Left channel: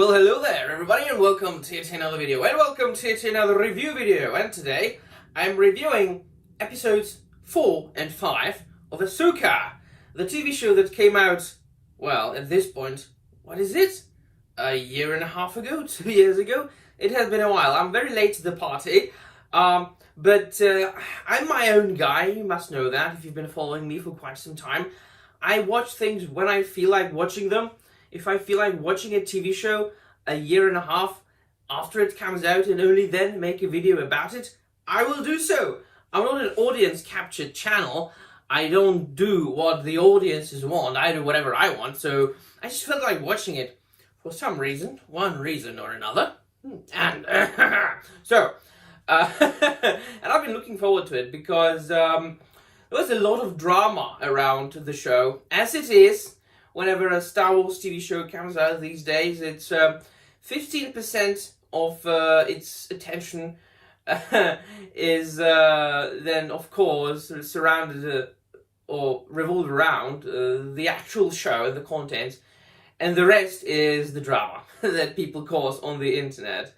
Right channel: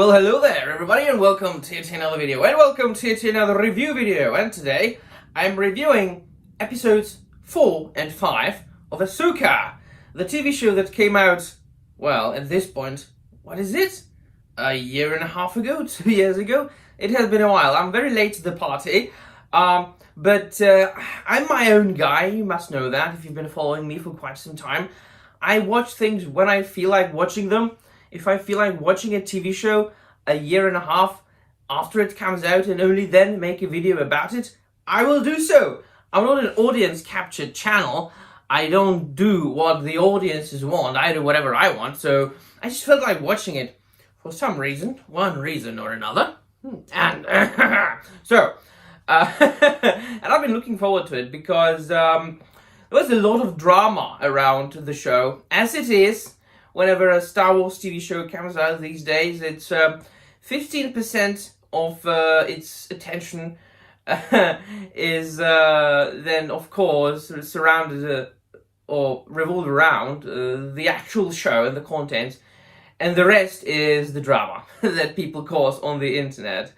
Well, hello there everybody and welcome to another video and welcome to another review video, and today I'm reviewing episodes 4 and 5 of Ahsoka, the TV show that came out, well, at this point, what is it? A year and a half ago? 2 years ago? It has been a while. I'm very late to the party, but I'm my own guy, you must know that if you've been following me for quite some time. I watch things when I feel like watching them. If I feel like watching a TV show a year and a half after it comes out and only then make a video about it, I will do so. I'm not an audience captured channel. I don't do what the audiences want. I do whatever I want. So I just felt like watching it for some reason, one reason or another. And and I've been looking forward to it because there was a lot of drama around the show, as it is. Whenever a Star Wars TV show comes out these days, it's 15% of its attention is then, of course, surrounded or revolved around the actual show and the content, and the rest is the drama that people cause on the internet.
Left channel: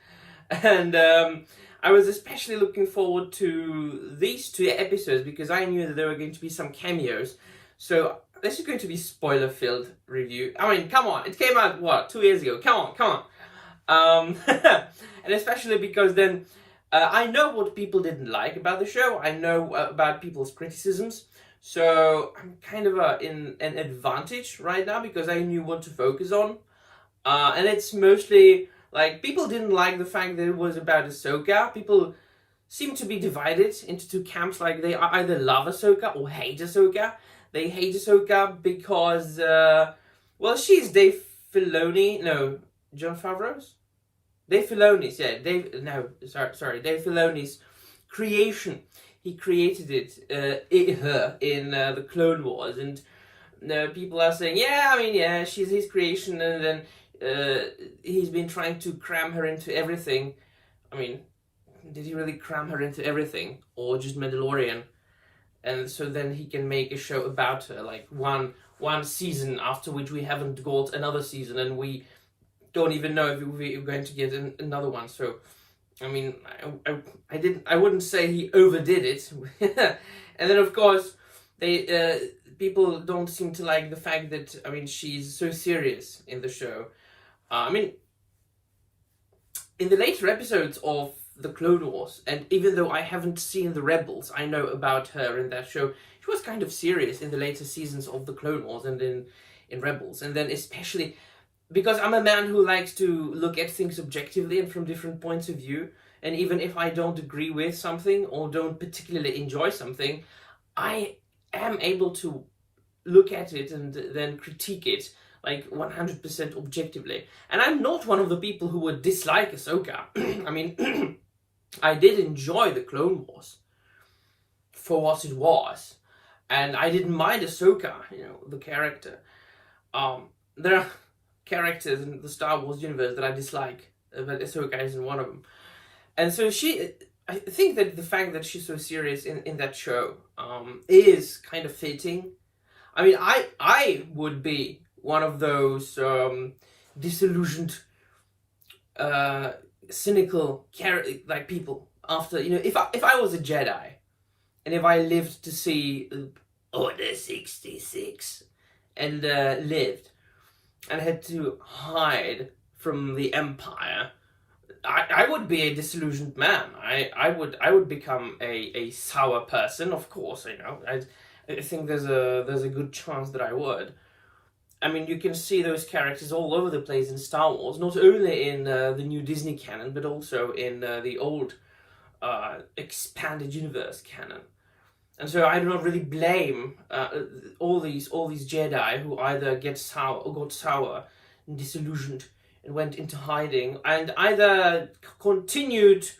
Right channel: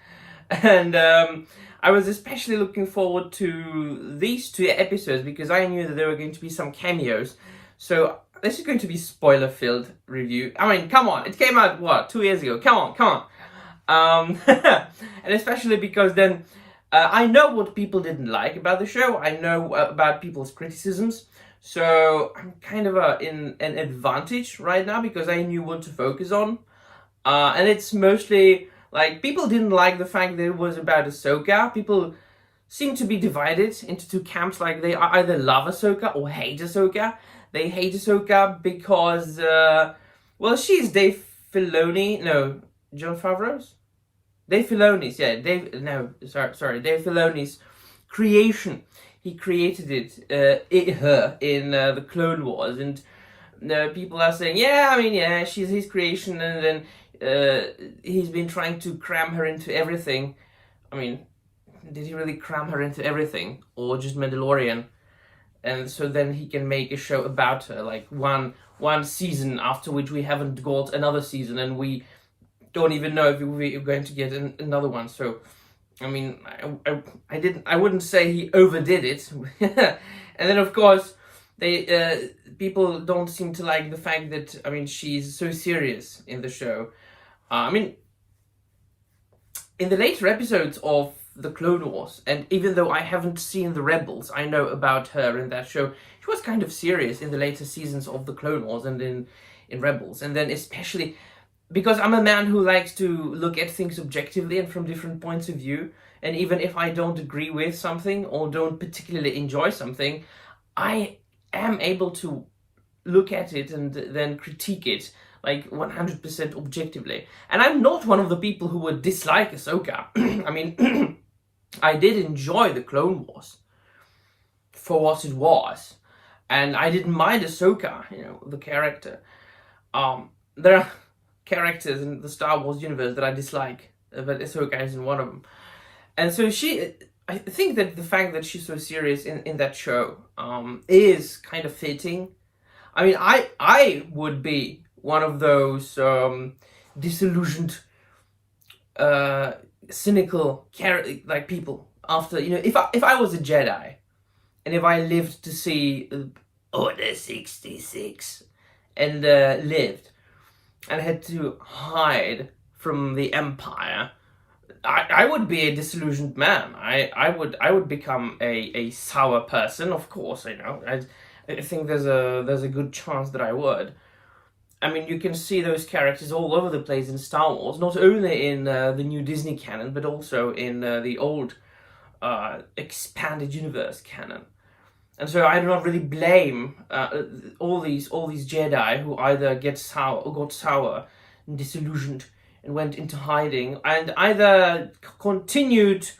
And I was especially looking forward to these two episodes because I knew that there were going to be some cameos. So this is going to be spoiler-filled review. I mean, come on, it came out, what, 2 years ago? Come on. And especially because then I know what people didn't like about the show. I know about people's criticisms. So I'm kind of in an advantage right now because I knew what to focus on. And it's mostly, like, people didn't like the fact that it was about Ahsoka. People seem to be divided into two camps. Like, they either love Ahsoka or hate Ahsoka. They hate Ahsoka because, well, she's Dave Filoni, no, Jon Favreau's? Dave Filoni's, yeah, Dave Filoni's creation. He created her in the Clone Wars, and people are saying, yeah, I mean, yeah, she's his creation, and then he's been trying to cram her into everything. I mean, did he really cram her into everything, or just Mandalorian? And so then he can make a show about her, like one season, after which we haven't got another season, and we don't even know if we're going to get another one. So, I mean, I wouldn't say he overdid it. And then, of course, people don't seem to like the fact that, I mean, she's so serious in the show. I mean, in the later episodes of the Clone Wars, and even though I haven't seen the Rebels, I know about her in that show. She was kind of serious in the later seasons of the Clone Wars and in Rebels, and then especially because I'm a man who likes to look at things objectively and from different points of view, and even if I don't agree with something or don't particularly enjoy something, I am able to look at it and then critique it like 100% objectively. And I'm not one of the people who would dislike Ahsoka. I mean, I did enjoy the Clone Wars for what it was, and I didn't mind Ahsoka, you know, the character. There are characters in the Star Wars universe that I dislike, but Ahsoka isn't one of them. And so I think that the fact that she's so serious in that show is kind of fitting. I mean, I would be one of those disillusioned, cynical like people after, you know, if I was a Jedi and if I lived to see Order 66 and lived and had to hide from the Empire, I would be a disillusioned man. I would become a sour person, of course. You know, I think there's a good chance that I would. I mean, you can see those characters all over the place in Star Wars, not only in the new Disney canon, but also in the old expanded universe canon. And so I do not really blame all these Jedi who either got sour and disillusioned and went into hiding, and either continued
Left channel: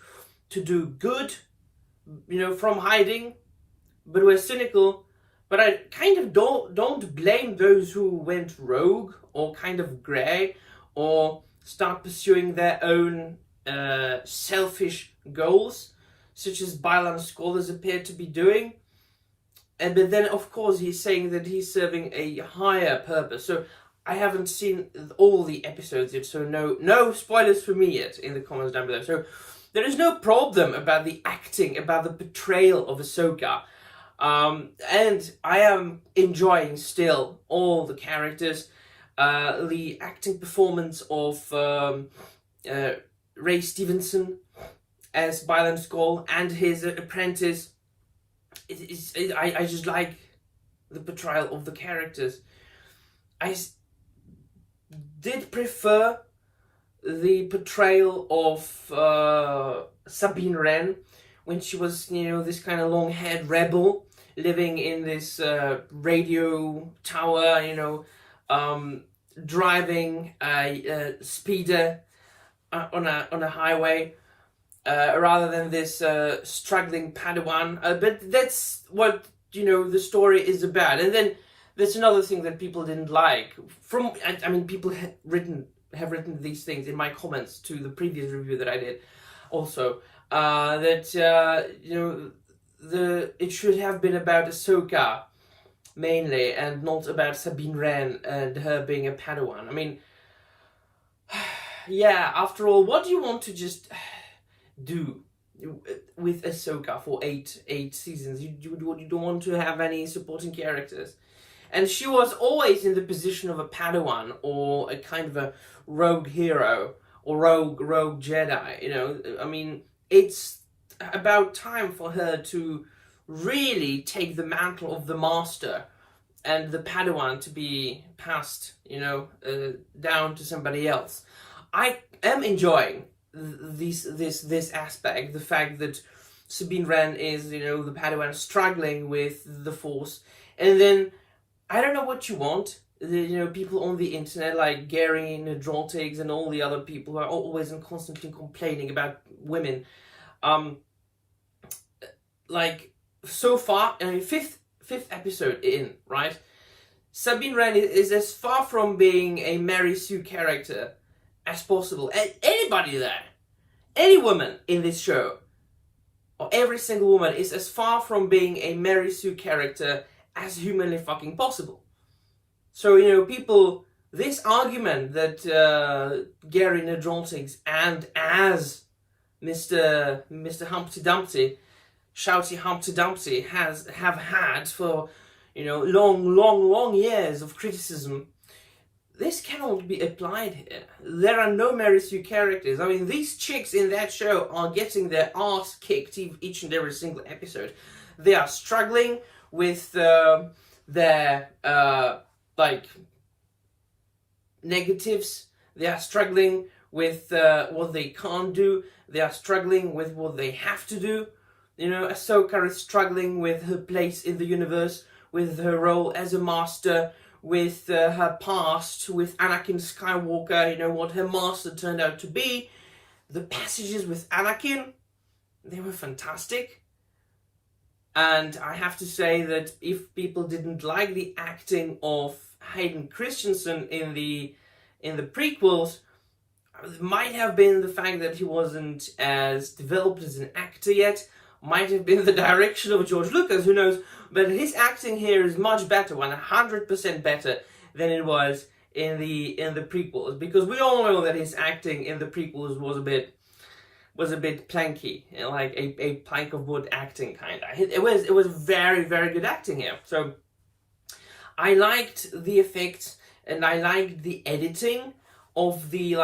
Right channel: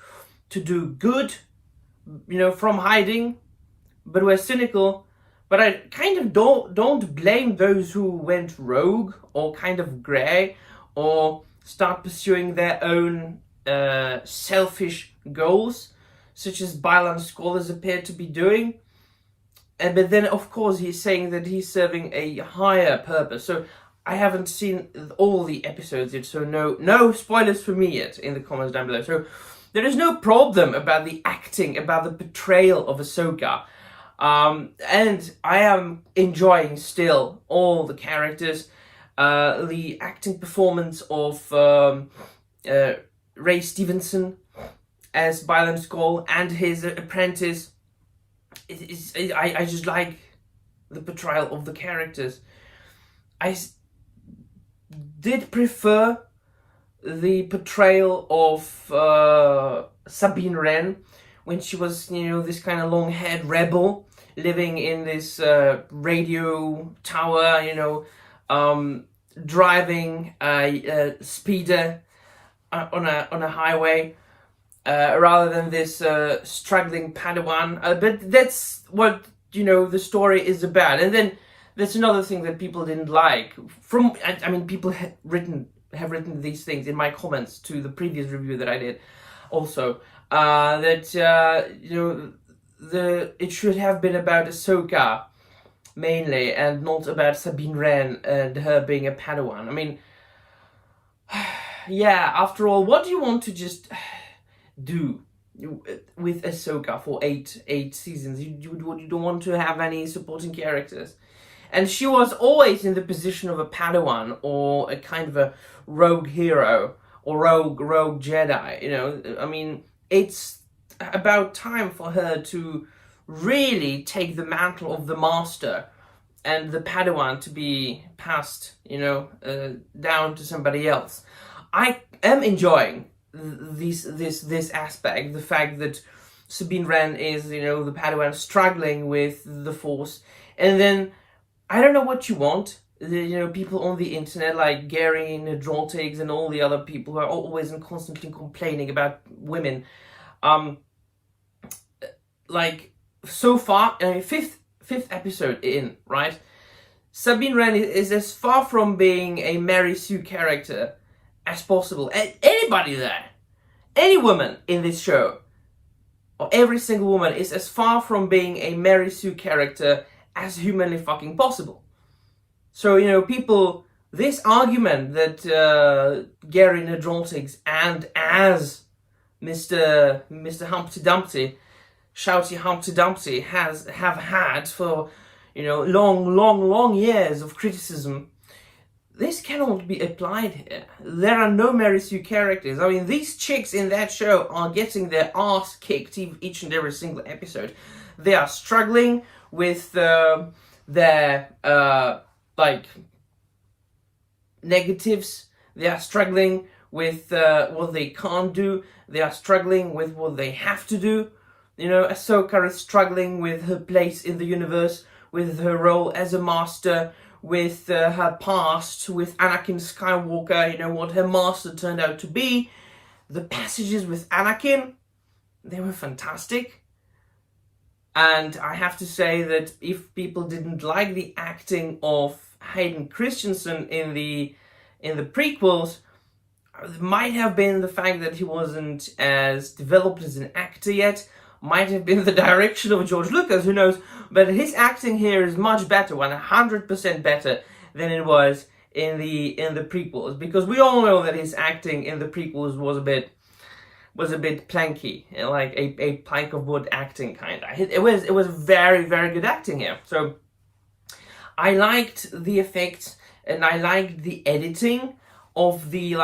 to do good, you know, from hiding, but were cynical. But I kind of don't blame those who went rogue or kind of grey or start pursuing their own selfish goals, such as Bylan scholars appear to be doing. But then, of course, he's saying that he's serving a higher purpose. So I haven't seen all the episodes yet, so no spoilers for me yet in the comments down below. So there is no problem about the acting, about the portrayal of Ahsoka. And I am enjoying still all the characters. The acting performance of Ray Stevenson as Byron Skull and his apprentice. I just like the portrayal of the characters. I did prefer the portrayal of Sabine Ren when she was, this kind of long-haired rebel living in this radio tower, driving a speeder on a highway, rather than this struggling Padawan. But that's what the story is about. And then there's another thing that people didn't like. People have written these things in my comments to the previous review that I did. Also, that it should have been about Ahsoka mainly, and not about Sabine Ren and her being a Padawan. Yeah. After all, what do you want to just do with Ahsoka for eight seasons? You don't want to have any supporting characters. And she was always in the position of a Padawan or a kind of a rogue hero or rogue Jedi. It's about time for her to really take the mantle of the master and the Padawan to be passed, down to somebody else. I am enjoying this aspect, the fact that Sabine Ren is, the Padawan struggling with the Force, and then I don't know what you want. People on the internet like Gary Nadroltigs and all the other people who are always and constantly complaining about women. So far, fifth episode in, right? Sabine Ren is as far from being a Mary Sue character as possible. Anybody there, any woman in this show, or every single woman is as far from being a Mary Sue character as humanly fucking possible. So, people, this argument that Gary Nadroltigs and as Mr. Humpty Dumpty, Shouty Humpty Dumpty have had for, long years of criticism, this cannot be applied here. There are no Mary Sue characters. These chicks in that show are getting their ass kicked each and every single episode. They are struggling with their negatives. They are struggling with what they can't do. They are struggling with what they have to do. Ahsoka is struggling with her place in the universe, with her role as a master, with her past, with Anakin Skywalker, what her master turned out to be. The passages with Anakin, they were fantastic. And I have to say that if people didn't like the acting of Hayden Christensen in the prequels, it might have been the fact that he wasn't as developed as an actor yet. Might have been the direction of George Lucas, who knows? But his acting here is much better, 100% better than it was in the prequels, because we all know that his acting in the prequels was a bit planky, like a plank of wood acting kind of. It was very, very good acting here. So I liked the effects and I liked the editing of the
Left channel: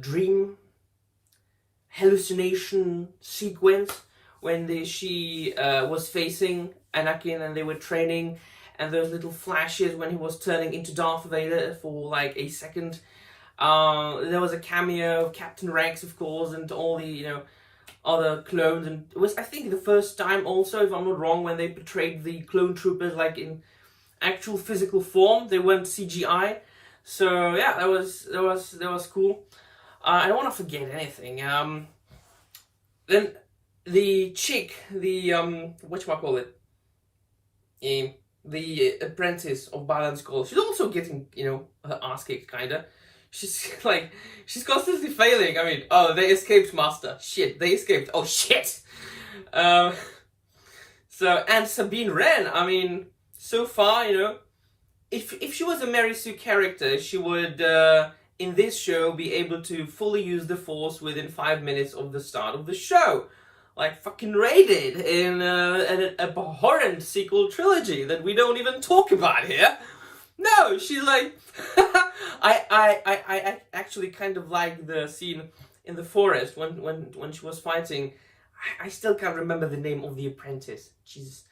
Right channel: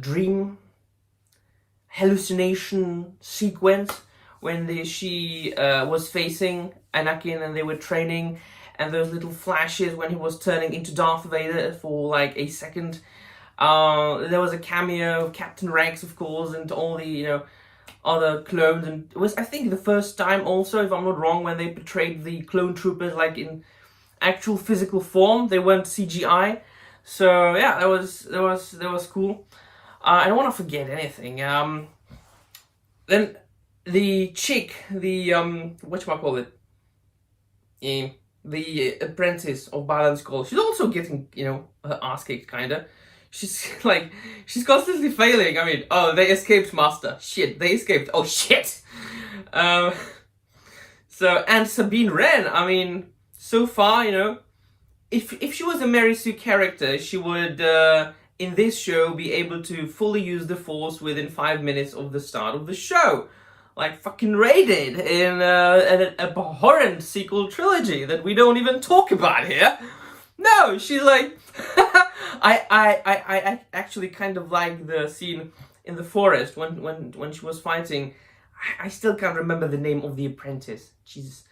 dream hallucination sequence when she was facing Anakin and they were training, and those little flashes when he was turning into Darth Vader for a second. There was a cameo of Captain Rex, of course, and all the other clones, and it was, I think, the first time also, if I'm not wrong, when they portrayed the clone troopers in actual physical form. They weren't CGI. So yeah, that was cool. I don't want to forget anything. Then the chick, the whatchamacallit, the apprentice of Byron Skull, she's also getting, her ass kicked, kinda. She's constantly failing. Oh, they escaped, master. Shit, they escaped. Oh, shit. And Sabine Ren, so far, if she was a Mary Sue character, she would in this show be able to fully use the Force within 5 minutes of the start of the show, like fucking Rey did in an abhorrent sequel trilogy that we don't even talk about here. No, she's like, I actually kind of like the scene in the forest when she was fighting. I still can't remember the name of the apprentice. Jesus,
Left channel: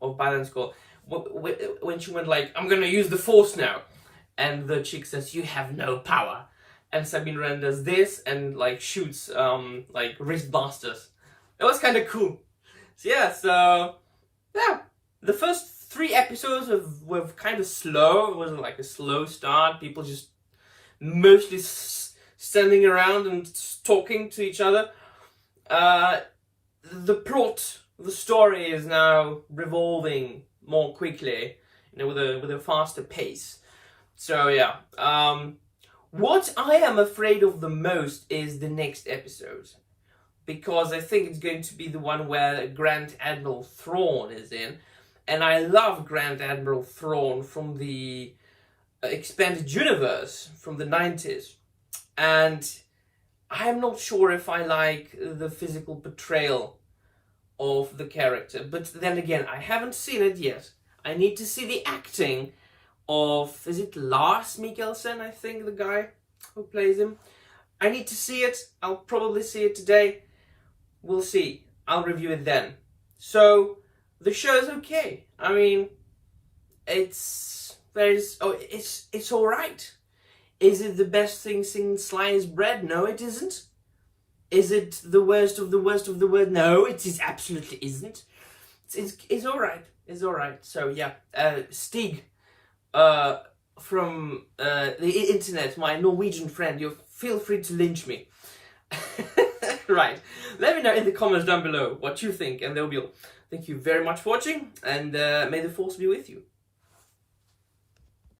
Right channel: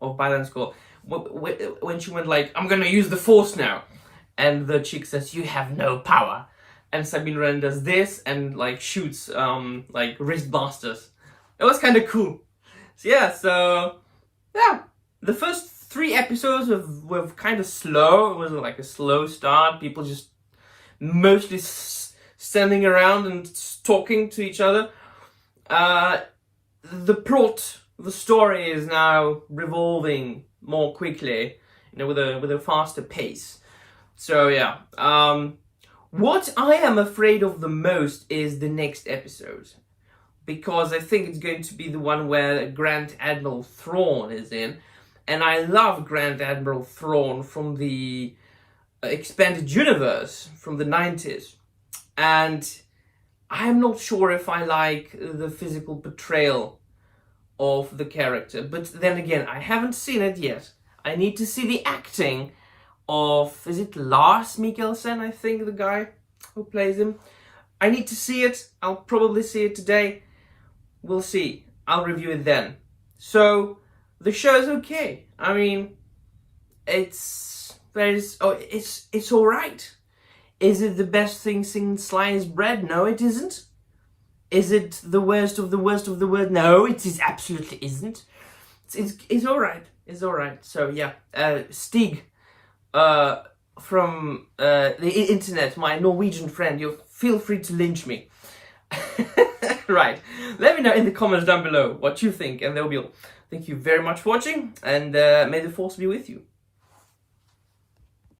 of Balance Score. When she went like, I'm gonna use the Force now, and the chick says, you have no power, and Sabine Ren does this and like shoots like wrist blasters. It was kind of cool. So yeah, the first 3 episodes were kind of slow. It was like a slow start. People just mostly standing around and talking to each other. The plot, the story is now revolving more quickly, you know, with a faster pace. So yeah, what I am afraid of the most is the next episode, because I think it's going to be the one where Grand Admiral Thrawn is in, and I love Grand Admiral Thrawn from the expanded universe from the 90s, and I'm not sure if I like the physical portrayal of the character. But then again, I haven't seen it yet. I need to see the acting of, is it Lars Mikkelsen, I think, the guy who plays him. I need to see it. I'll probably see it today. We'll see. I'll review it then. So the show's okay. I mean, it's all right. Is it the best thing since sliced bread? No, it isn't. Is it the worst of the worst of the worst? No, it is absolutely isn't. It's all right. It's all right. So yeah, Stig, from the internet, my Norwegian friend, you feel free to lynch me. Right. Let me know in the comments down below what you think, and there will be all. Thank you very much for watching, and may the Force be with you.